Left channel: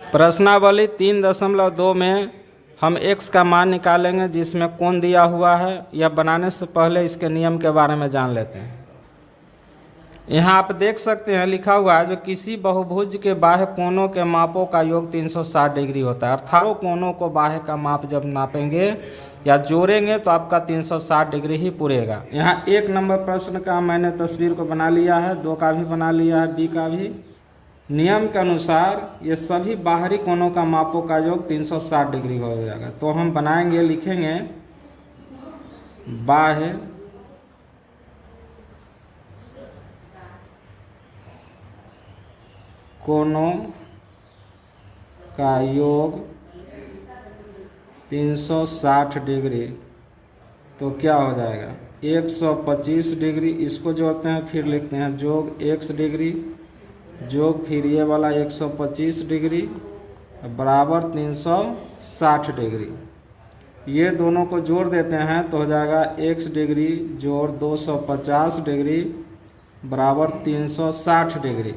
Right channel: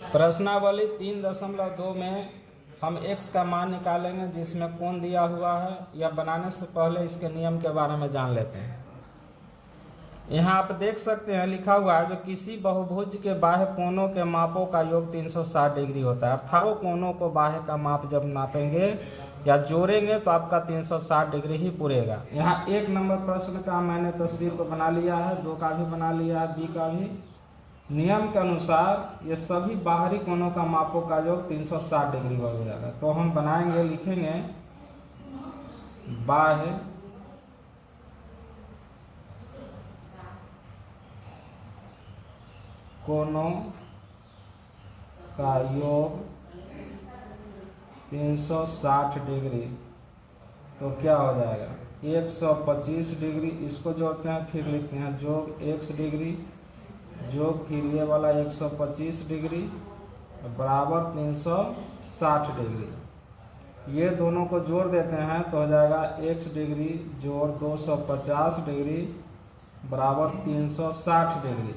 प्रश्नावली 3.2 में हम x का मान निकालेंगे जिसमें कोण दिया हुआ है। यह बनाने से पहले इसके नियम के बारे में जान लेते हैं। यहाँ आप देख सकते हैं लिखा हुआ है जो किसी बहुभुज के बाह्य कोणों के मापों का योग 360 डिग्री होता है। अर्थात कोणों को बाह्य का माप जब नापेंगे या जोड़ेंगे तो आपका 360 डिग्री ही पूरेगा। यहाँ 1 नंबर प्रश्न का मैंने तस्वीर को बना लिया है, 2 का भी बना लिया है, बी का भी। नियम के अनुसार ये सभी बाहरी कोणों का मापों का योग 360 डिग्री हो जाएगा। तो हम बनाएंगे, लिखेंगे बाह्य कोणों का योग 360 डिग्री, तो क्या हो जाएगा 125 डिग्री। इसको जोड़ते हैं, फिर लिखते हैं जोग x डिग्री जोग फिर ये वाला 125 डिग्री बराबर 360 डिग्री। ये दोनों को जोड़ देते हैं तो हो जाएगा x डिग्री जोड़ 250 डिग्री बराबर 360 डिग्री।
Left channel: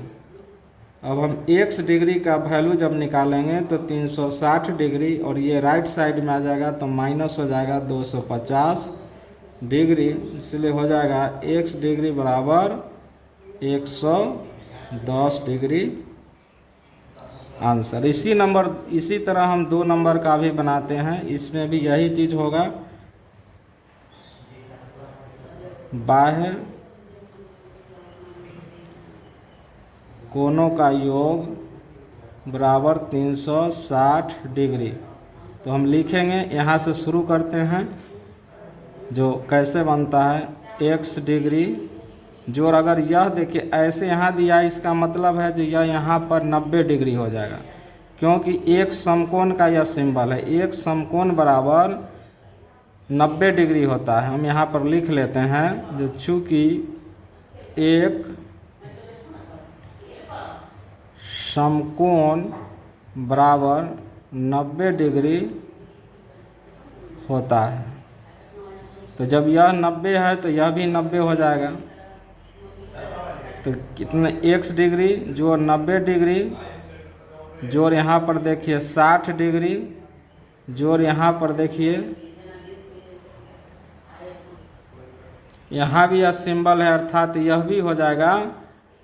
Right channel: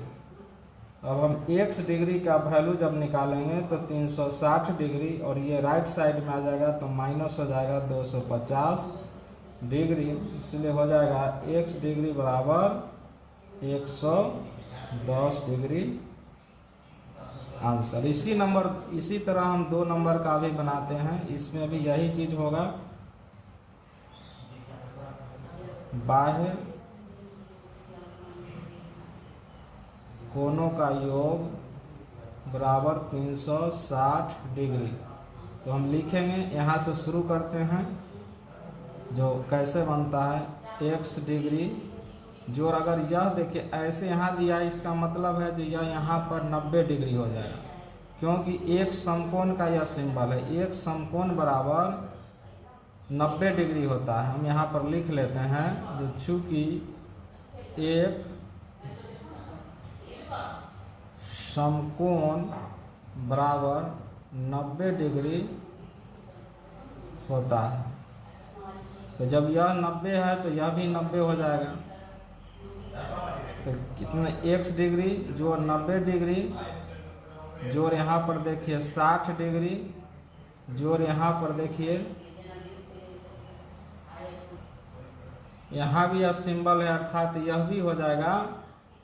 अब हम x डिग्री का वैल्यू जब निकालेंगे तो 360 डिग्री और ये राइट साइड में आ जाएगा तो माइनस हो जाएगा 250 डिग्री, इसलिए हो जाएगा x डिग्री बराबर 110 डिग्री आंसर। इसी तरह हम 2 नंबर का भी बनाते हैं, इसमें भी यही चीज होगा। बाह्य कोणों का योग बराबर 360 डिग्री। तो हम लिखेंगे, यहाँ से शुरू करते हैं जो कैसे बनता है x डिग्री जोड़, अगर यह देखिए ऐसे यहाँ दिया है, इसका मतलब है जो यह यहाँ पर 90 डिग्री हो जाएगा, क्योंकि एक समकोण का यह सिंबल है। एक समकोण बराबर 90 डिग्री होता है। हम यहाँ पर लिख लेते हैं जो चूँकि एक समकोण बराबर 90 डिग्री होता है, तो जब यह 90 है तो यह भी 90 हो जाएगा। तो कितना x डिग्री जोड़ 90 डिग्री जोड़ यहाँ पर देखिए 60 डिग्री जोड़ यहाँ पर देखिए यहाँ भी यह सिंबल है, अर्थात यह भी हो जाएगा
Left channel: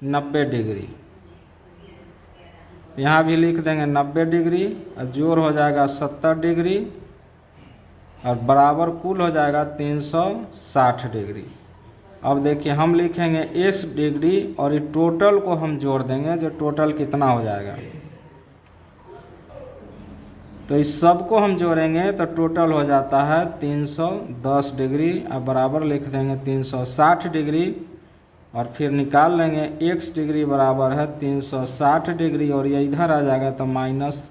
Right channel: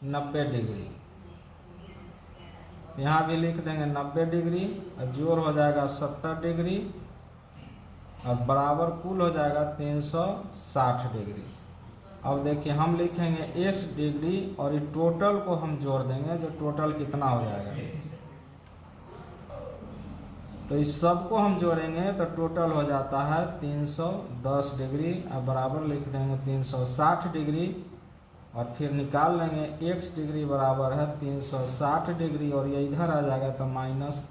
90 डिग्री। यहाँ भी लिख देंगे 90 डिग्री और जोड़ हो जाएगा 70 डिग्री और बराबर कुल हो जाएगा 360 डिग्री। अब देखिए हम लिखेंगे s डिग्री और ये टोटल को हम जोड़ देंगे, जो टोटल कितना हो जाएगा। तो इस सब को हम जोड़ेंगे तो टोटल हो जाता है 310 डिग्री और बराबर लिख देंगे 360 डिग्री और फिर निकाल लेंगे x डिग्री बराबर है 360 डिग्री और ये इधर आ जाएगा तो माइनस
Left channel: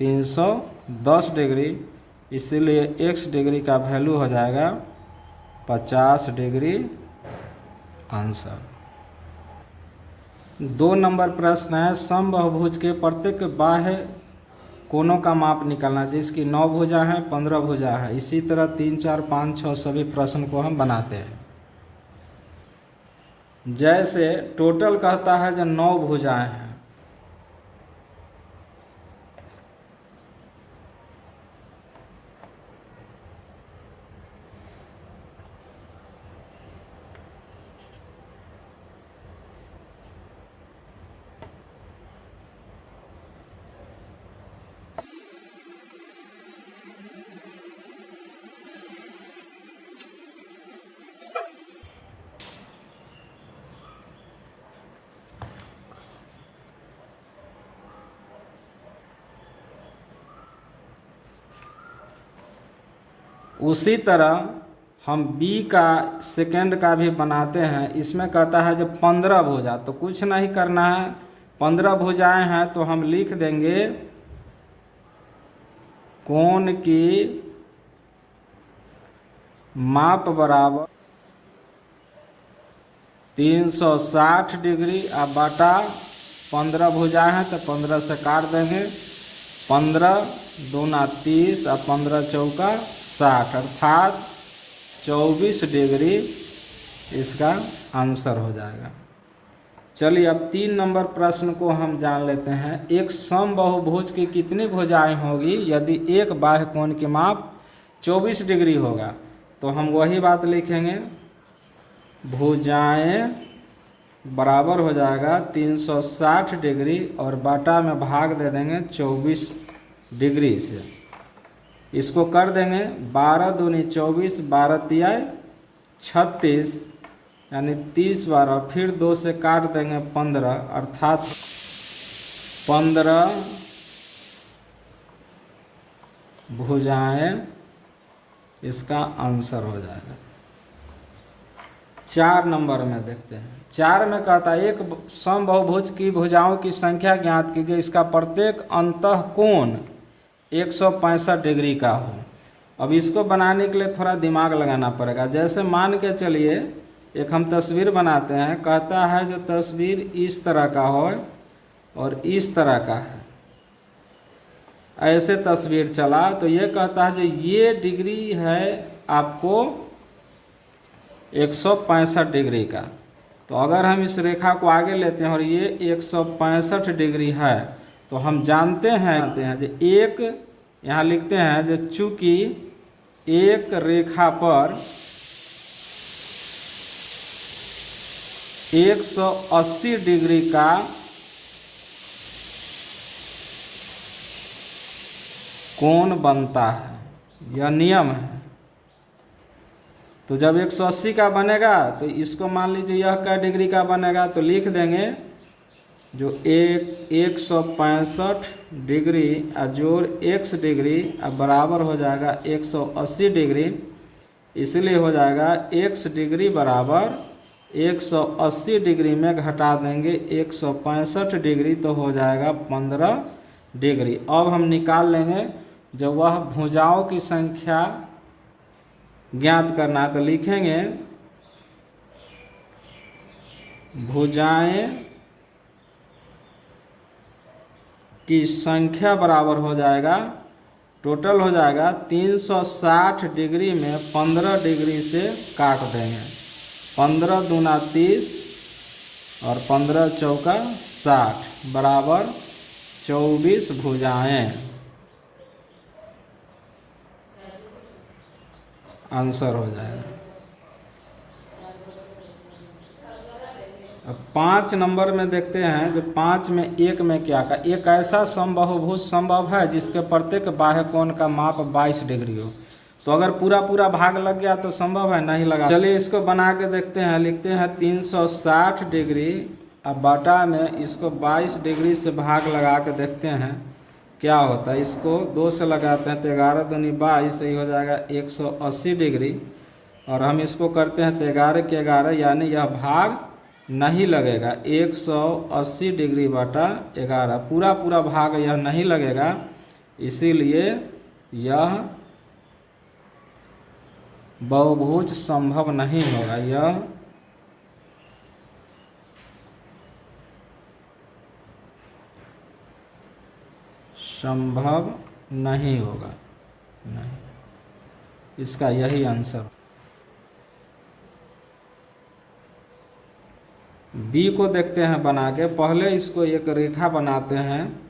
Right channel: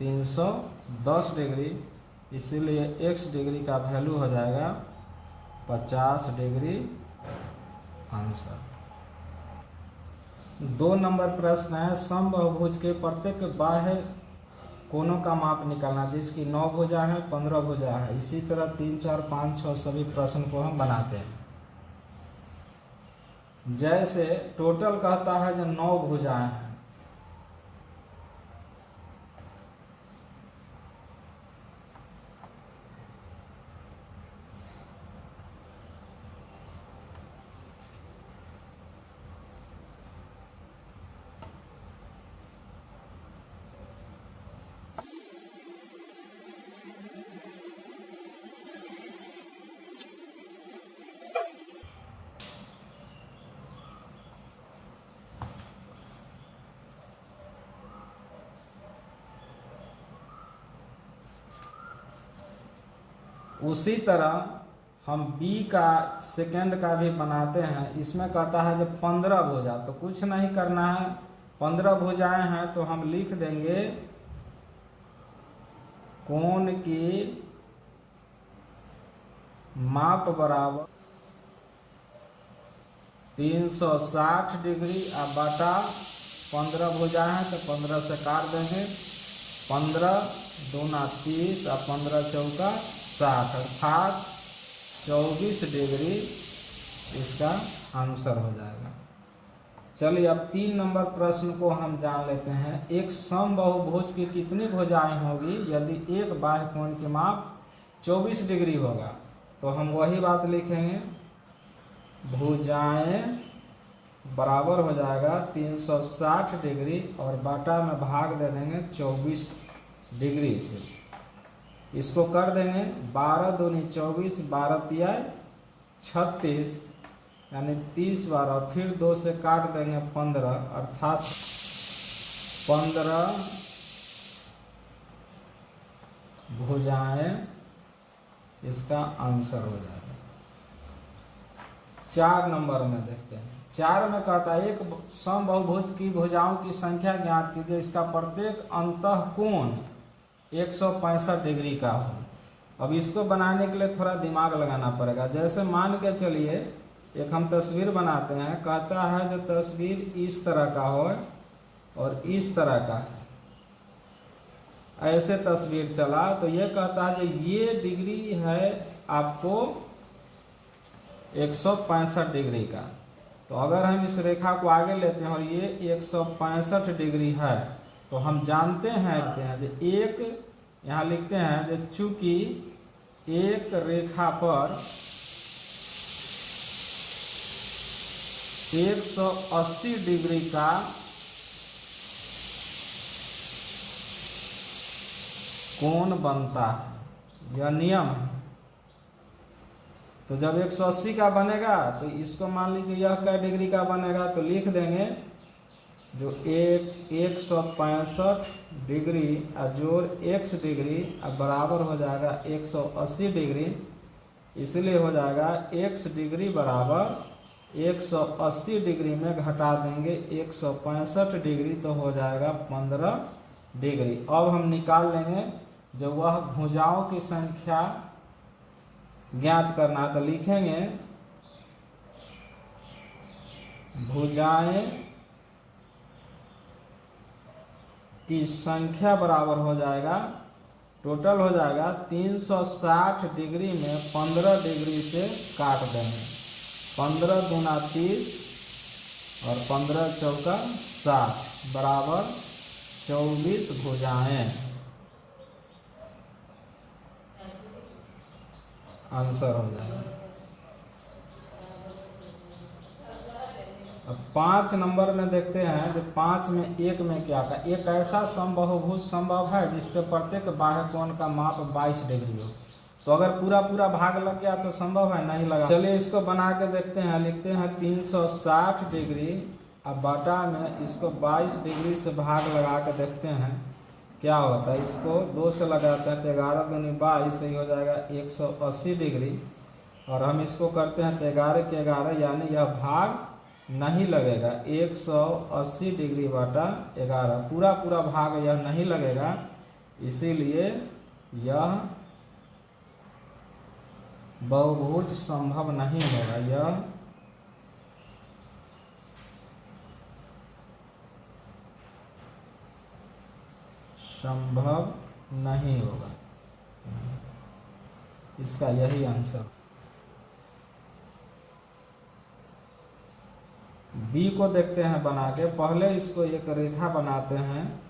310 डिग्री, इसीलिए x डिग्री का वैल्यू हो जाएगा 50 डिग्री आंसर। 2 नंबर प्रश्न है समबाहुभुज के प्रत्येक बाह्य कोणों का माप निकालना, जिसकी 9 भुजा है 15 भुजा है। इसी तरह 3, 4, 5, 6 सभी प्रश्न को हम बनाते हैं। जैसे टोटल कहता है जो 9 भुजाएं हैं, उसी तरह हम b का सेकंड का भी बनाते हैं। इसमें कहता है जो 15 भुजा, तो कुछ नहीं करना है, 15 भुजाएं हैं तो हम लिख देंगे कोण की माप बराबर 360 डिग्री और बाटा 15 भुजाएं हैं तो 15 से काट देंगे, 15 दूना 30 और 15 चौका 60 अर्थात 24 डिग्री इसका आंसर हो जाएगा। चलिए अब 3 नंबर प्रश्न को हम जान लेते हैं। एक समबाहुभुज की कितनी भुजाएं होगी यदि एक बाह्य कोण की माप 24 डिग्री होगा? तो हम वही बात लिखेंगे, भुजाएं बराबर हो जाएगा 360 डिग्री और बटा में भाग दे देंगे 24 डिग्री से। इसको कर देंगे 12 दूनी 24, 12 तिया 36, यानी 30 12, फिर 2 से काट देंगे 15, अर्थात 15 भुजाएं इसका आंसर हो जाएगा। 4 नंबर में देखते हैं। 4 में कहता है एक समबाहुभुज की भुजाओं की संख्या ज्ञात कीजिए, इसका प्रत्येक अंतः कोण 165 डिग्री का हो। अब इसको बनाने के लिए थोड़ा दिमाग लगाना पड़ेगा। जैसे मान के चलिए एक हम तस्वीर बनाते हैं, कहता है जो तस्वीर इस तरह का हो और इस तरह का है, ऐसे तस्वीर चला तो ये कहता है जो ये डिग्री है आपको 165 डिग्री का। तो अगर हम इस रेखा को आगे लेते हैं और ये 165 डिग्री है तो हम जानते हैं जो एक यहाँ लिखते हैं जो चूंकि एक रेखा पर 180 डिग्री का कोण बनता है, यह नियम है। तो जब 180 का बनेगा तो इसको मान लीजिए यह क्या डिग्री का बनेगा, तो लिख देंगे जो 165 डिग्री जोड़ x डिग्री अब बराबर हो जाएगा 180 डिग्री। इसलिए हो जाएगा x डिग्री बराबर 180 डिग्री में घटा देंगे 165 डिग्री तो हो जाएगा 15 डिग्री। अब हम निकाल लेंगे जो वह भुजाओं की संख्या ज्ञात करना है, तो लिखेंगे भुजाएं की संख्या बराबर हो जाएगा, टोटल हो जाएगा 360 डिग्री में 15 डिग्री से काट देंगे, 15 दूना 30 और 15 चौका 60 बराबर 24 भुजाएं आंसर हो जाएगा। अब 5 नंबर में देखते हैं जो 5 में एक में क्या का, एक ऐसा समबाहुभुज संभव है जिसके प्रत्येक बाह्य कोण का माप 22 डिग्री हो। तो अगर पूरा पूरा भाग लग गया तो संभव है, नहीं लगा। चलिए इसको बना के देखते हैं। लिखते हैं 360 डिग्री, अब बटा में इसको 22 डिग्री से भाग लगा के देखते हैं क्या होता है। इसको 2 से लगाते हैं तो 11 दूनी 22, सही हो जाएगा 180 डिग्री। और हम इसको करते हैं तो 11 के 11, यानी यह भाग नहीं लगेगा, 180 डिग्री बटा 11, पूरा पूरा भाग यह नहीं लगेगा, इसीलिए यह बहुभुज संभव नहीं होगा, यह संभव नहीं होगा, नहीं। इसका यही आंसर। बी को देखते हैं बना के। पहले इसको एक रेखा बनाते हैं,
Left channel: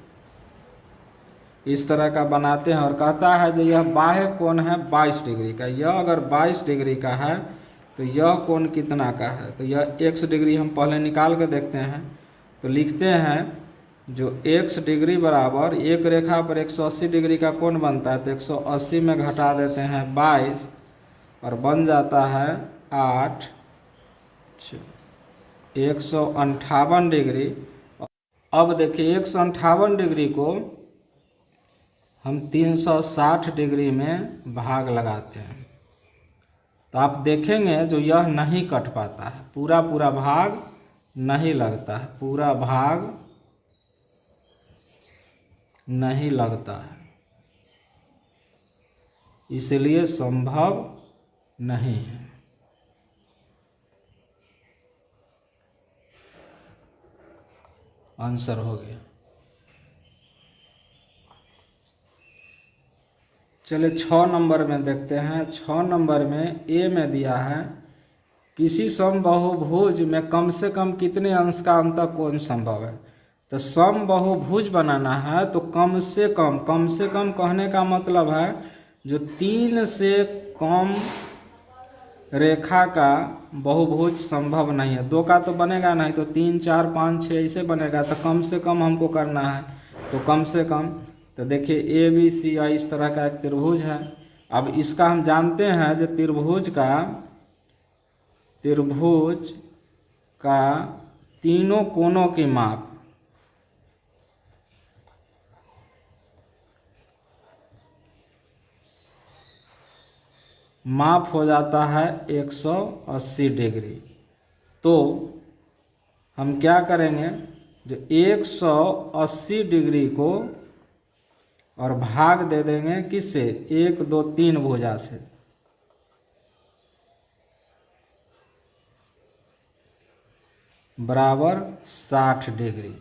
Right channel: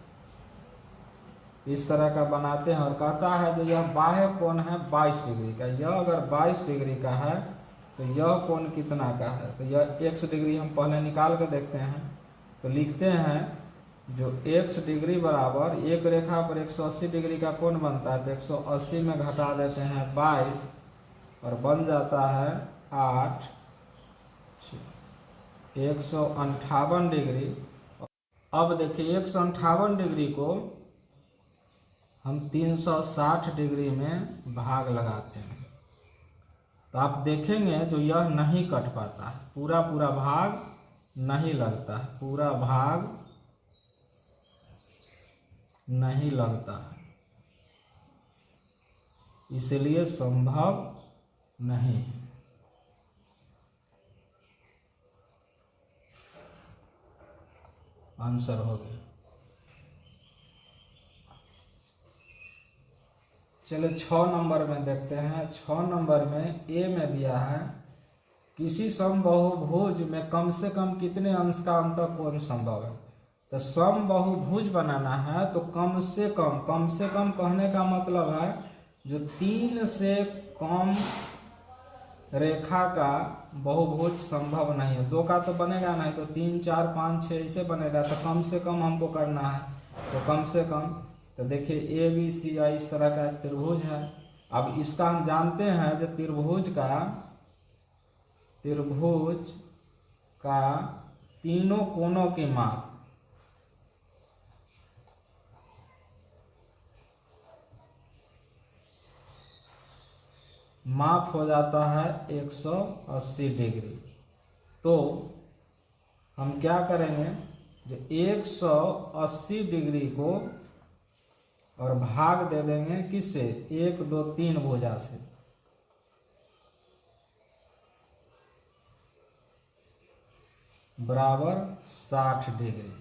इस तरह का बनाते हैं और कहता है जो यह बाह्य कोण है 22 डिग्री का। यह अगर 22 डिग्री का है तो यह कोण कितना का है, तो यह x डिग्री हम पहले निकाल के देखते हैं। तो लिखते हैं जो x डिग्री बराबर एक रेखा पर 180 डिग्री का कोण बनता है, तो 180 में घटा देते हैं 22 और बन जाता है 8, 158 डिग्री। अब देखिए 158 डिग्री को हम 360 डिग्री में भाग लगाते हैं तो आप देखेंगे जो यह नहीं कट पाता है, पूरा पूरा भाग नहीं लगता है, पूरा भाग नहीं लगता है, इसलिए संभव नहीं है। आंसर हो गया। चलिए 6 नंबर में देखते हैं। 6 नंबर में ए में दिया है किसी समबाहुभुज में कम से कम कितने अंश का अंतःकोण संभव है। तो समबाहुभुज बनाना है तो कम से कम कहने का मतलब है जो 3 से कम रेखा का बहुभुज संभव नहीं है। 2 का तो बनेगा नहीं, तो 3, 4, 5, 6 ऐसे बनेगा। तो कम से कम हमको करना है, तो कम से कम, तो देखिए ABCI इस तरह का एक त्रिभुज है। अब इसका हम जानते हैं जो त्रिभुज का तीनों कोनों की माप हो जाता है 180 डिग्री। तो हम क्या करेंगे, जो 180 डिग्री को और भाग दे देंगे किससे, 1, 2, 3 भुजा से। बराबर 60 डिग्री,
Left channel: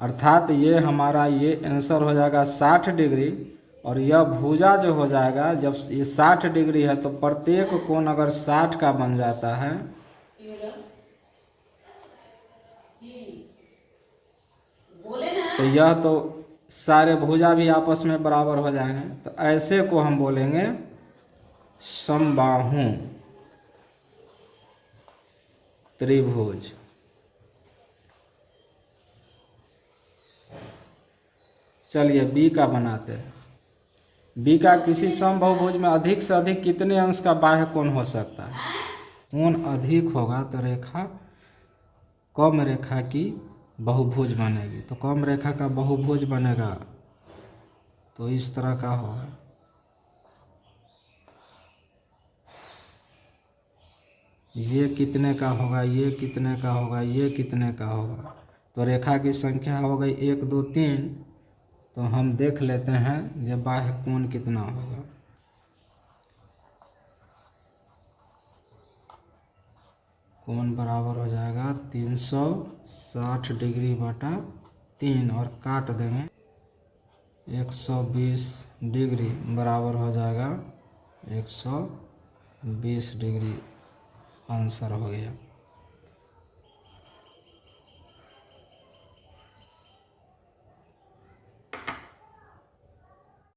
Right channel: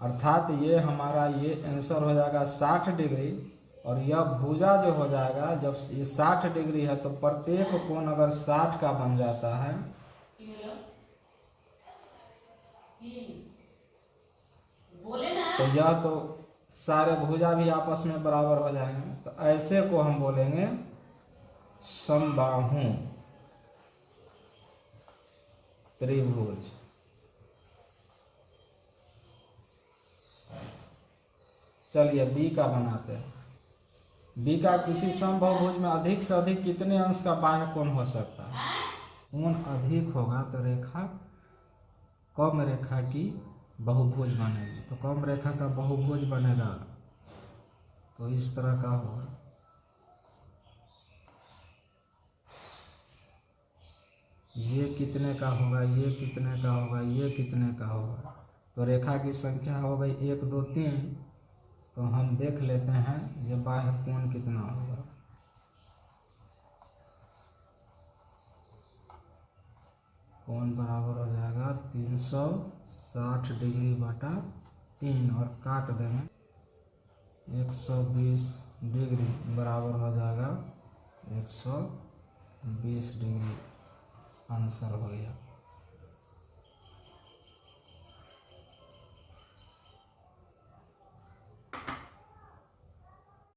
अर्थात ये हमारा ये आंसर हो जाएगा 60 डिग्री। और यह भुजा जो हो जाएगा, जब ये 60 डिग्री है तो प्रत्येक कोण अगर 60 का बन जाता है तो यह तो सारे भुजा भी आपस में बराबर हो जाएंगे। तो ऐसे को हम बोलेंगे समबाहु त्रिभुज। चलिए बी का बनाते हैं। बी का किसी समबाहुभुज में अधिक से अधिक कितने अंश का बाह्य कोण हो सकता है। कोण अधिक होगा तो रेखा कम रेखा की बहुभुज बनेगी। तो कम रेखा का बहुभुज बनेगा तो इस तरह का होगा। ये कितने का होगा, ये कितने का होगा, ये कितने का होगा। तो रेखा की संख्या हो गई 1, 2, 3। तो हम देख लेते हैं ये बाह्य कोण कितना होगा। कोण बराबर हो जाएगा 360 डिग्री बटा 3 और काट देंगे 120 डिग्री बराबर हो जाएगा 120 डिग्री। आंसर हो गया।